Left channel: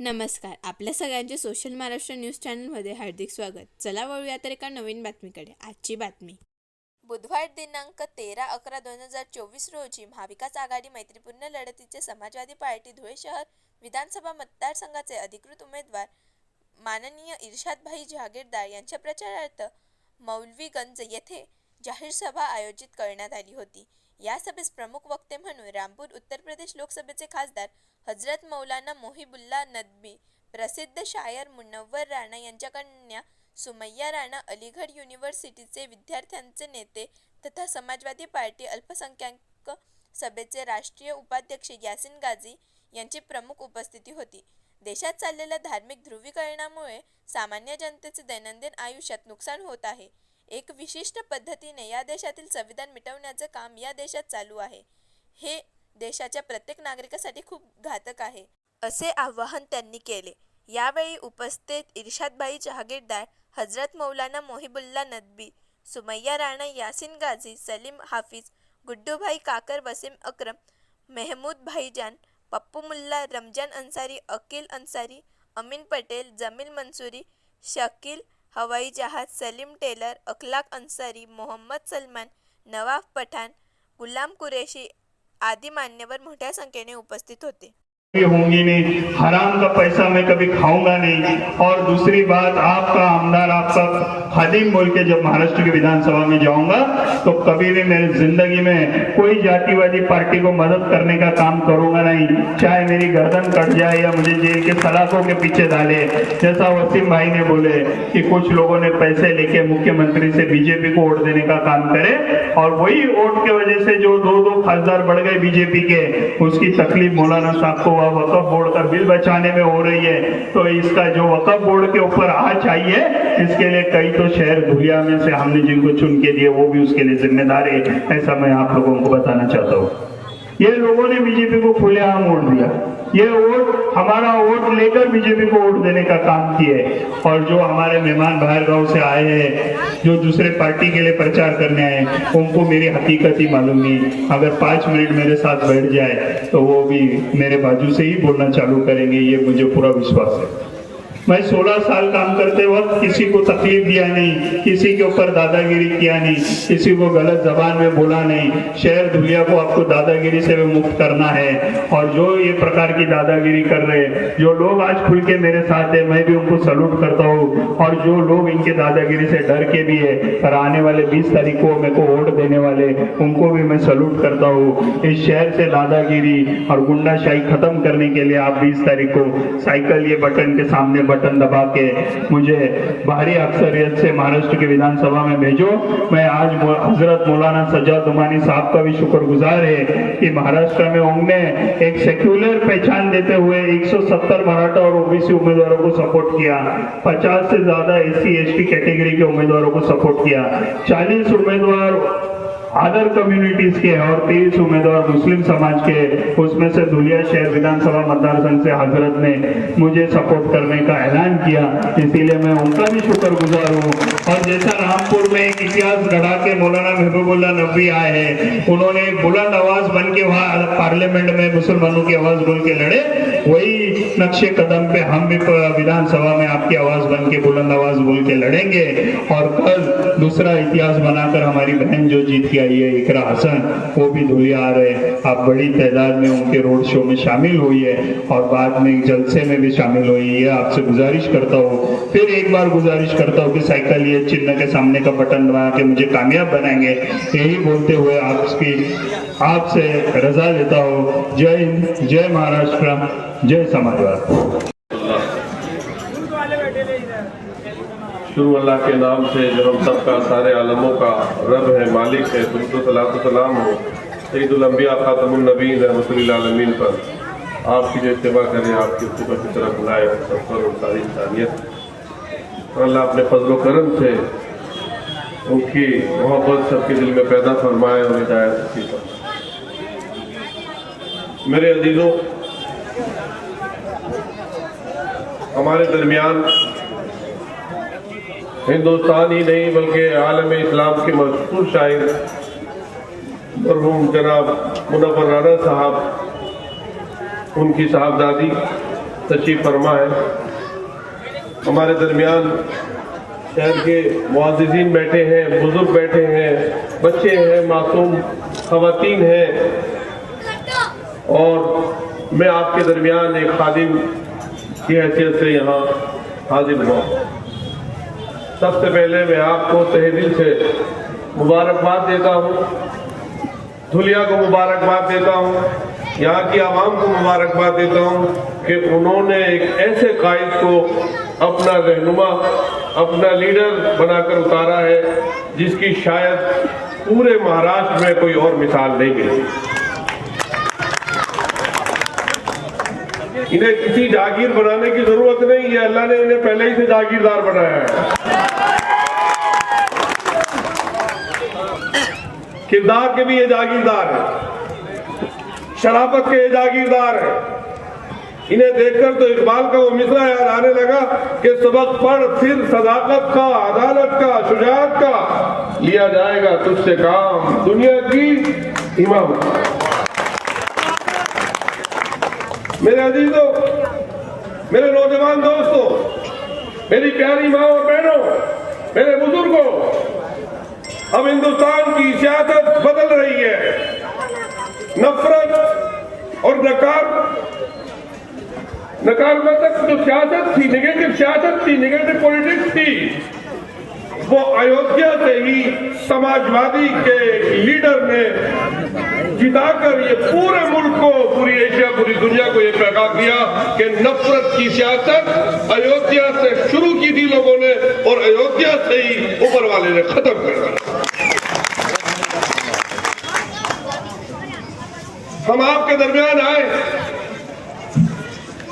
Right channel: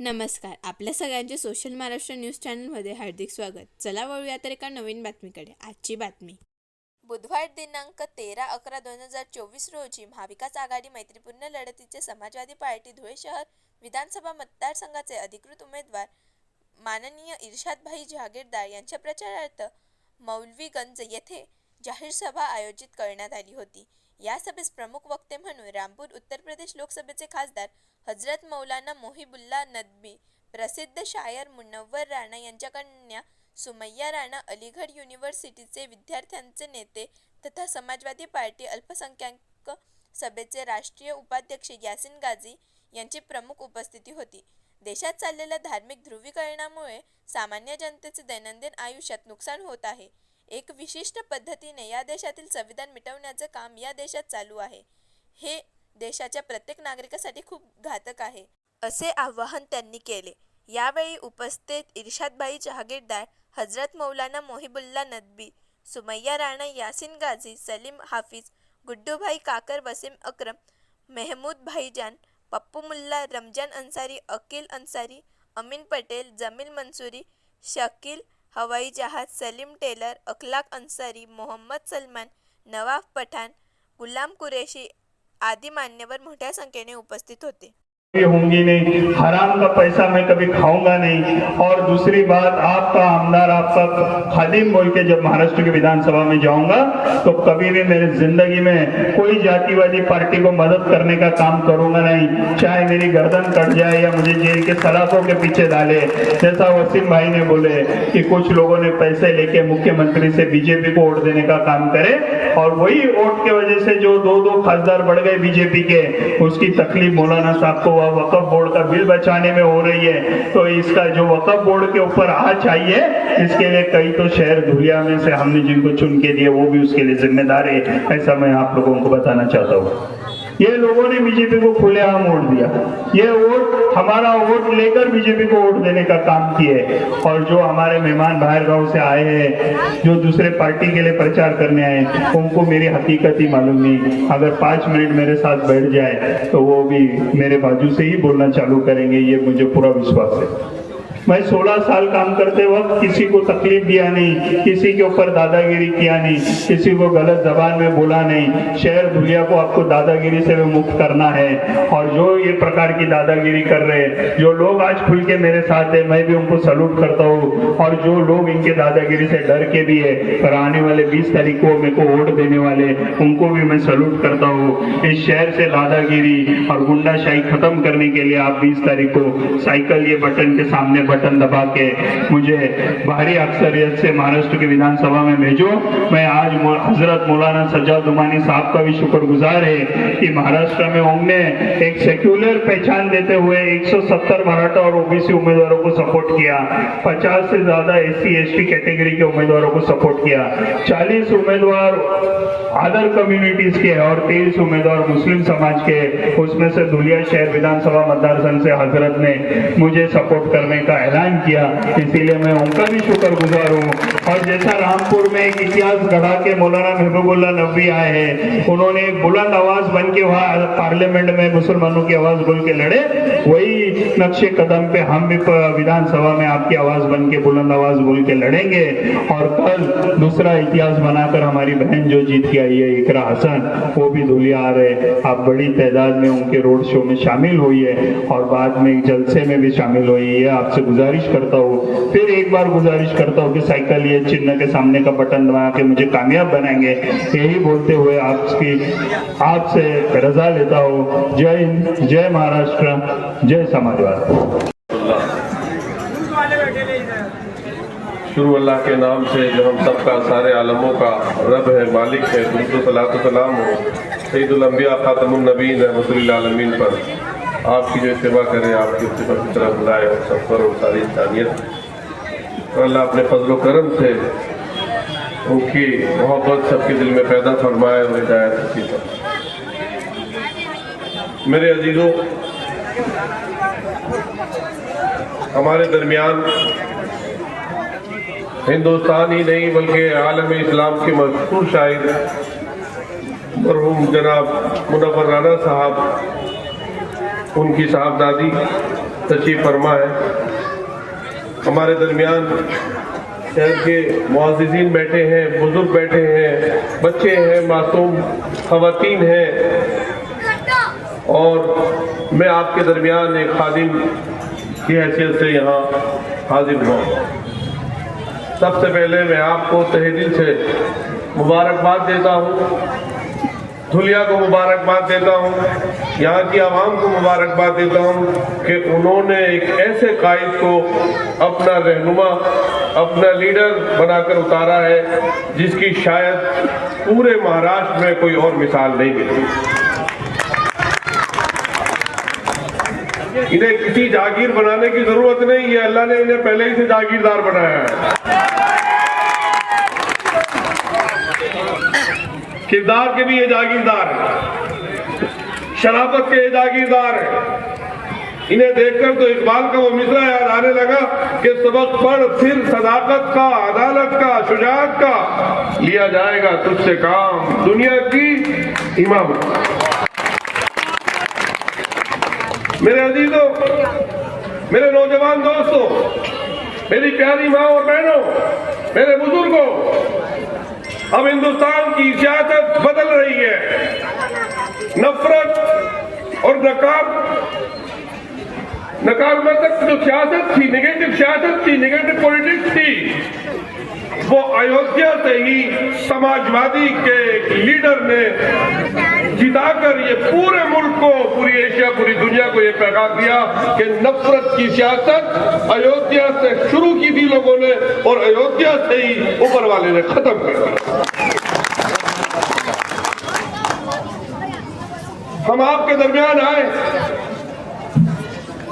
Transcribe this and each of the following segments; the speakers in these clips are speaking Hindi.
नमस्कार. आपल्या सगळ्यांचे सोशल महाराष्ट्र न्यूज चॅनलमध्ये हार्दिक स्वागत. चला वळूया तर एका नवीन बातमीकडे. आजची बातमी. बुधवार दिनांक 13/11/2024 रोजी महाविकास आघाडी मैत्रीपूर्ण लढतीचे समाजवादी पार्टी धुळे शहर विधानसभा मतदारसंघाचे अधिकृत उमेदवार माननीय इर्शादभाई जहागीरदार यांच्या प्रचारार्थ मौलवीगंज येथे जाहीर सभा आयोजित करण्यात आली होती. या सभेस प्रमुख वक्ते म्हणून रामपूर उत्तर प्रदेश लोकसभेचे खासदार हजरत मौलाना मोहिबुल्ला नदवी, प्रसिद्ध शायर मुनव्वर राणा यांच्या कन्या सुमैया राणा, अलीगढ युनिव्हर्सिटीचे विद्यार्थ्यांचे नेते तथा समाजवादी पार्टी अल्पसंख्याक सभेचे राष्ट्रीय उपाध्यक्ष यासिन गाझी यांची प्रमुख उपस्थिती होती. देशात चाललेल्या धार्मिक ध्रुवीकरणामुळे सामान्य जनतेचे दैनंदिन आयुष्यात नुकसान होत आहे. एक विशिष्ट पद्धतीने या देशातील संविधान मिटवण्याचे काम या देशात चालू आहे. हे देशाच्या प्रत्येक नागरिकासाठी खूप घातक आहे, असे आवाहन त्यांनी केले. यावेळी उपस्थित इर्शादभाई जहागीरदार, हजरत मौलाना मोहिबुल्ला नदवी, सुमैया राणा, यासिन गाझी, सलीम हाफिज, गुड्डूभाई काकर, वसीम अक्रम, मेहमूद भाईजान, पप्पू मुल्ला, रमजान अंसारी, अकील अंसारी, अमीन पटेल, जमील मंसूरी, शकील हवाई जहाज, सलीम टेलर, अखलाक अंसारी, मोहम्मद सलमान, नवाब पठाण, गुलाम कुरेशी आदि मान्यवर मोठ्या संख्येने उपस्थित होते. होंगी नहीं, हराम का पैसा मैं कभी खाऊंगा नहीं। और दूसरी बात, आपका आमदार, आपका खादिम बोल के जब महाराष्ट्र की विधानसभा में जाऊंगा तो कभी भी मेरी जिंदगी में कोई जातिवादी पार्टी को मदद करने का काम करूंगा नहीं, चाहे मेरी गर्दन कट जाए या मुझे जेल के सलाखों के पीछे डाले। जैसा वसीम भाई ने बोले कि कुछ लोगों ने पैसे लेके मुख्यमंत्री से बीजेपी को वोट देने का काम करे, और वही वोट के वजह से जो दो खासदार बढ़ गए बीजेपी के, उसकी तकलीफ मौलाना साहब को वक्फ बोर्ड का बिल बचाने में हो रही है। तो इसका जो वक्फ बोर्ड के ऊपर आज चाहिए, इसके लिए कई तो शहर धुलिया में से हमने जिनको चुन के दिए वो भी उसके लिए जिम्मेदार है। ऐसा मैं आप लोगों को बताना चाहता हूँ। ये लोगों ने बीजेपी को खुलेआम वोट दिया, ये वोट हमारा वोट लेकर बीजेपी को वोट देने का काम किए। और जो हमारे मेहमान बाहर गांव से आए हैं, जो दूसरे पार्टी के लिए प्रचार करने आए, उनको मेरी हकीकत ही मालूम नहीं। अगर 5 मिनट मेरे साथ बैठ जाए तो वो भी मेरे बाजू से ही बोलना चालू करेंगे, ये मुझे पूरा विश्वास है। मैं 16 साल काम करते वक्त किसी को तकलीफ दिया नहीं, किसी के ऊपर दादागिरी किया नहीं, किसी को गलत जबान में बोला नहीं। शहर धुलिया को आपको दादागिरी से मुक्त करना है। और जो ये प्रकार की दादागिरी कर रहे हैं, जो लोग आज खुल के मेरे साथ है, मैं भी उनको सलूट करता हूँ। और जो लोग इनके दादागिरी से डर के भी है, पर आने वाले 20 तारीख को मेरे को वोट देने वाले, उनको भी मैं सलूट करता हूँ। इस शहर से दादागिरी और गुंडाशाही खत्म करने के लिए आप 20 तारीख को साइकिल ये बटन के सामने बटन दबा के मुझे भारी अक्सरियत से महाराष्ट्र की विधानसभा में भेजो। मैं आज हजरत मौलाना सज्जाद उमानी साहब का भी शुक्रगुजार है कि महाराष्ट्र में उन्होंने एक सेक्युलर पहचान देते हुए 170 मराठा और ओबीसी उम्मीदवारों को सपोर्ट किया, 50 से ज्यादा SC ST कैटेगरी के उम्मीदवारों को सपोर्ट किया, 40 उम्मीदवार अदर कम्युनिटीज के और 23 उम्मीदवार मुस्लिम समाज के। उसमें से धुलिया शहर विधानसभा मतदारसंघ से हजरत ने मुझे सपोर्ट करने का ऐलान किया, इसीलिए मैं उनका भी शुक्रगुजार हूँ। और जैसा रामपुर में एक इतिहास गढ़ा के मौलाना महबूबुल्लाह नदवी आए हैं, उन्होंने एक बुलंद आवाज बन के वहाँ पार्लियामेंट में मुसलमानों की आवाज बोल के लड़े, वही नक्शे कदम पे हम भी विधानसभा में आपकी आवाज बन के बुलंद आवाज बोल के लड़ेंगे। और कल दूसरा इतिहास बनाकर हमारी बहन जो जीत के आई है इकरा हसन, वो भी धुलिया आ रहे। आप बड़ी तादाद में उनके रोड शो में शामिल हुई है और बाद में जलसे में भी शामिल हुई है। आपसे गुजारिश करता हूँ, फिर एक बार गुजारिश करता हूँ कि साइकिल ये चिन्ह के सामने का बटन दबा के मुझे कामयाब बनाएंगे। यही बोलते हुए आपसे रजा लेता हूँ। जय हिंद, जय महाराष्ट्र, जय समाजवाद। शुरू अल्लाह के नाम से जो हम सबका सारे आलमों का रब है, मालिक है। दुरूद सलात सलाम हो सैयदुल अंबिया खातमुन नबीय्यीन रहमतुल्लिल आलमीन पर। आपकी जो सेवा करें, आपकी सिफत की तरफ बुलाए और सब पर और सारी इंसानियत। और अल्लाह अपने फजल करम से उनकी मोहब्बत सबके दिल में पैदा फरमाए और हिदायत नसीब फरमाए। मेरे अजीजों, हमारे दरमियान हिंदुस्तान ही नहीं बल्कि आलम इस्लाम के मशहूर शायर मरहूम जनाब मुनव्वर राणा साहब, उनकी साहबजादी तशरीफ फरमा है। हमारे दरमियान शहर के मुअज़्ज़िज़ीन बैठे हैं, बुजुर्ग बैठे हैं, बच्चे हैं, मासूम ख़वातीन हैं, और मैं आपके दरमियान एक खादिम की हैसियत से यहाँ हाजिर हुआ। सबसे पहले मैं आपको तहे दिल से मुबारकबाद देता हूँ, धुलिया को मुबारकबाद देता हूँ, यहाँ की आवाम को मुबारकबाद देता हूँ कि उन्होंने एक ऐसे कायद को अपना रहनुमा, अपना लीडर बनाकर उतारा है जिसकी शायद पूरे महाराष्ट्र में कोई और मिसाल नहीं मिली। इन्हें किसी जागीर बनाने की जरूरत नहीं है, अल्लाह ने इन्हें पहले ही से जागीरदार बनाया है। किरदार के भी ये जागीरदार है, शराफत के ये जागीरदार है। इन्हें देखकर तो इकबाल का वो मिसरा याद आने लगा कि सबक पढ़ फिर सदाकत का, अदालत का, शुजाअत का, लिया जाएगा तुझसे काम दुनिया की इमामत। मेरे अजीजों, मेरे नौजवान दोस्तों, मेरी प्यारी माँ और बहनों, मेरे बुजुर्गों, अब हिंदुस्तान की सियासत बदल रही है। नफरत और नकारात्मक जो सियासत थी, नेगेटिव सियासत थी, नेगेटिव पॉलिटिक्स थी, वो अयोध्या से ही समाजवादी के लीडर ने जिताकर ये पूरे मुल्क को, पूरी एशिया, पूरी दुनिया को ये पैगाम दिया कि नफरत की सियासत अयोध्या से शुरू की थी लोगों ने, और अयोध्या से ही ऊपर वाले ने खत्म कर दिया। हम आपके दरमियान आए,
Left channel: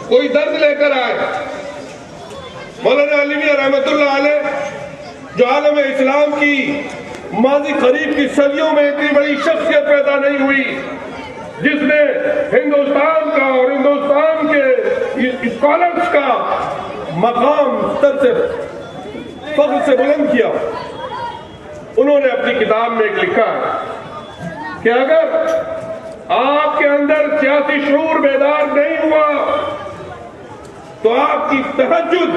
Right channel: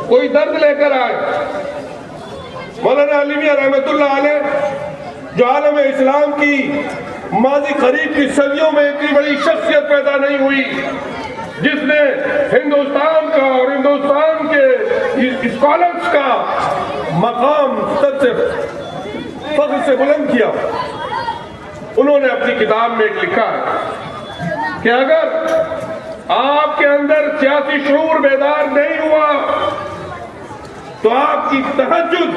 कोई दर्द लेकर आए। मौलाना अली मियां रहमतुल्लाह अलैह, जो आलम इस्लाम की माजी करीब की सदियों में इतनी बड़ी शख्सियत पैदा नहीं हुई, जिसने हिंदुस्तान का और हिंदुस्तान के स्कॉलर्स का मकाम सर से फख्र से बुलंद किया। उन्होंने अपनी किताब में लिखा कि अगर आपके अंदर सियासी शऊर बेदार नहीं हुआ तो आपकी तहज्जुद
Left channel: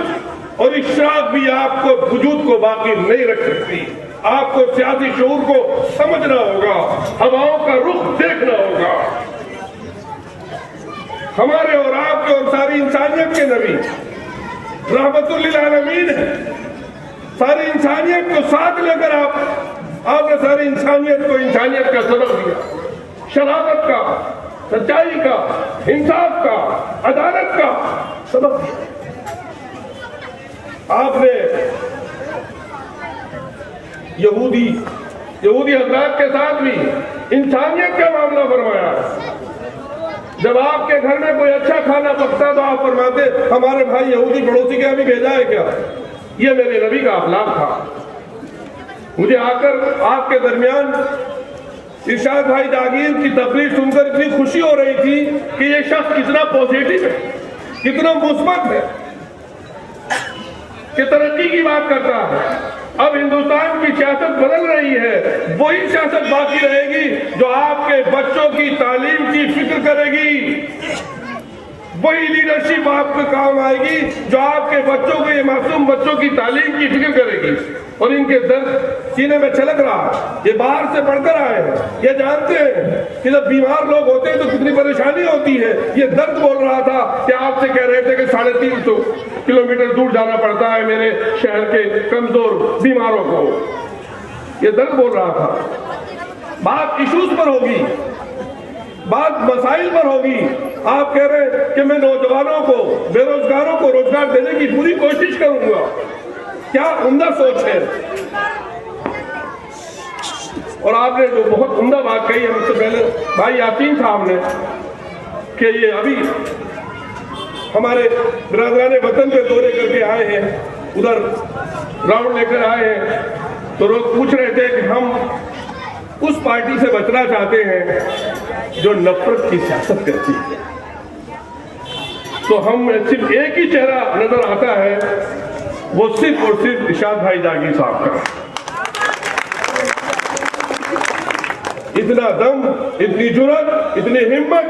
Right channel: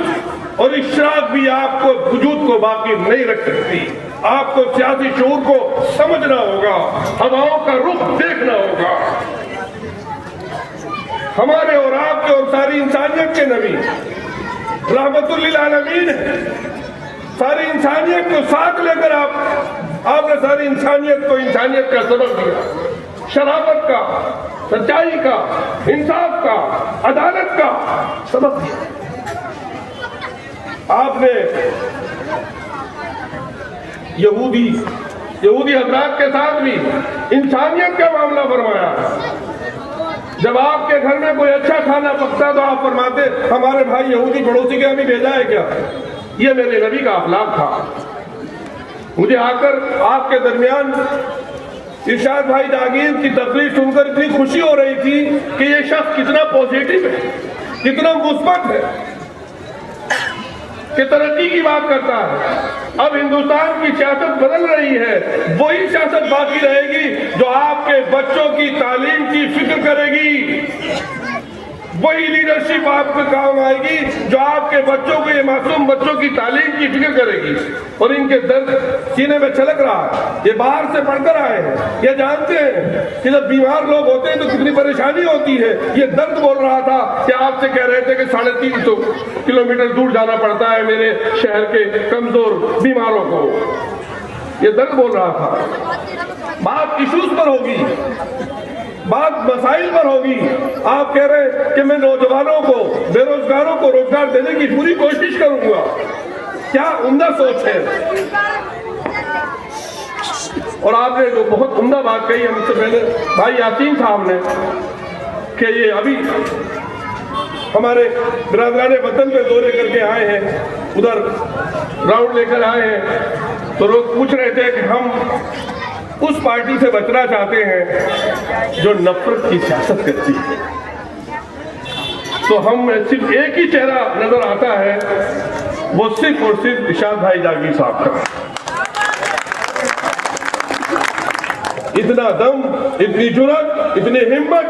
और इशराक भी आपको वजूद को बाकी नहीं रख सकती। आपको सियासी शऊर को समझना होगा, हवाओं का रुख देखना होगा। हमारे और आपके और सारी इंसानियत के नबी रहमतुल लिल आलमीन है। सारी इंसानियत को साथ लेकर आपने सारी इंसानियत को इंसानियत का सबक दिया, शराफत का, सच्चाई का, इंसाफ का, अदालत का सबक दिया। आपने यहूदी हजरात के साथ भी इंसानियत का मामला फरमाया। जब आपके घर में कोई अच्छा खाना पकता तो आप फरमाते हमारे भाई यहूदी पड़ोसी के हमें भेजा है क्या? ये मेरे नबी का अखलाक था। मुझे आकर आपके दरमियान इरशाद भाई जागीर की तकरीर सुनकर इतनी खुशी हो रही थी कि ये शख्स कितना पॉजिटिव है, कितना मुस्बत है, कि तरक्की की बात करता है। अब हिंदुस्तान की सियासत बदल रही है, वही सियासत बाकी रहेगी जो आपके बच्चों की तालीम की फिक्र करेगी। वही लीडरशिप आपके काम आएगी जो आपके बच्चों को, ये मासूम बच्चों की तालीम की फिक्र करेगी। और इनके दर्द सीने में छलक रहा, ये बाहर से पढ़कर आए हैं, ये जानते हैं कि जब बीमार लोग होते हैं तो कितनी परेशानी होती है। ये दर्द बोल रहा था कि आपसे कह रहे थे कि 350 किलोमीटर दूर जाना पड़ता है मेरे शहर के कमजोर बीमारों को। ये दर्द बोल रहा था। बात इशूज पर होगी, बात मसाइल पर होगी। आप कह रहे कि मैं नौजवानों को, बेरोजगारों को रोजगार देने की पूरी कोशिश करूंगा। क्या उम्दा सोच है। और आपने जो बहुत उम्दा बात कही है मुझसे पहले भाई यासीन साहब ने, कि ये अभी हमारे बिरादरान वतन पे दौरे करके आए हैं, उधर राउंड लेकर आए हैं, तो लोग पूछ रहे थे कि हम उस पार्टी से बचना चाहते हैं जो नफरत की सियासत करती है। तो हम सिर्फ एक ही चेहरा नजर आता है, वो सिर्फ और सिर्फ इरशाद भाई जागीर साहब का। इतना दम, इतनी जुर्रत, इतनी हिम्मत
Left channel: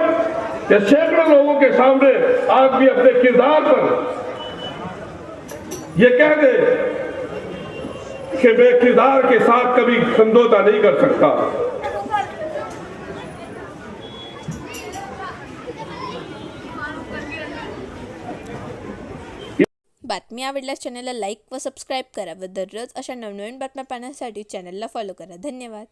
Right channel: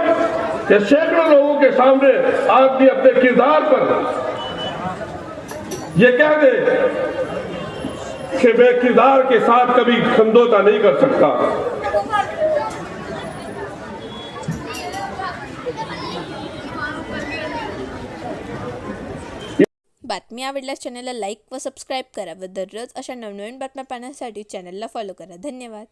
या सैकड़ों लोगों के सामने आदमी अपने किरदार पर ये कह दे कि मैं किरदार के साथ कभी समझौता नहीं कर सकता। बातमी आवडल्यास चॅनलला लाईक व सबस्क्राईब करा व दररोज अशा नवनवीन बातम्या पाहण्यासाठी चॅनलला फॉलो करा. धन्यवाद.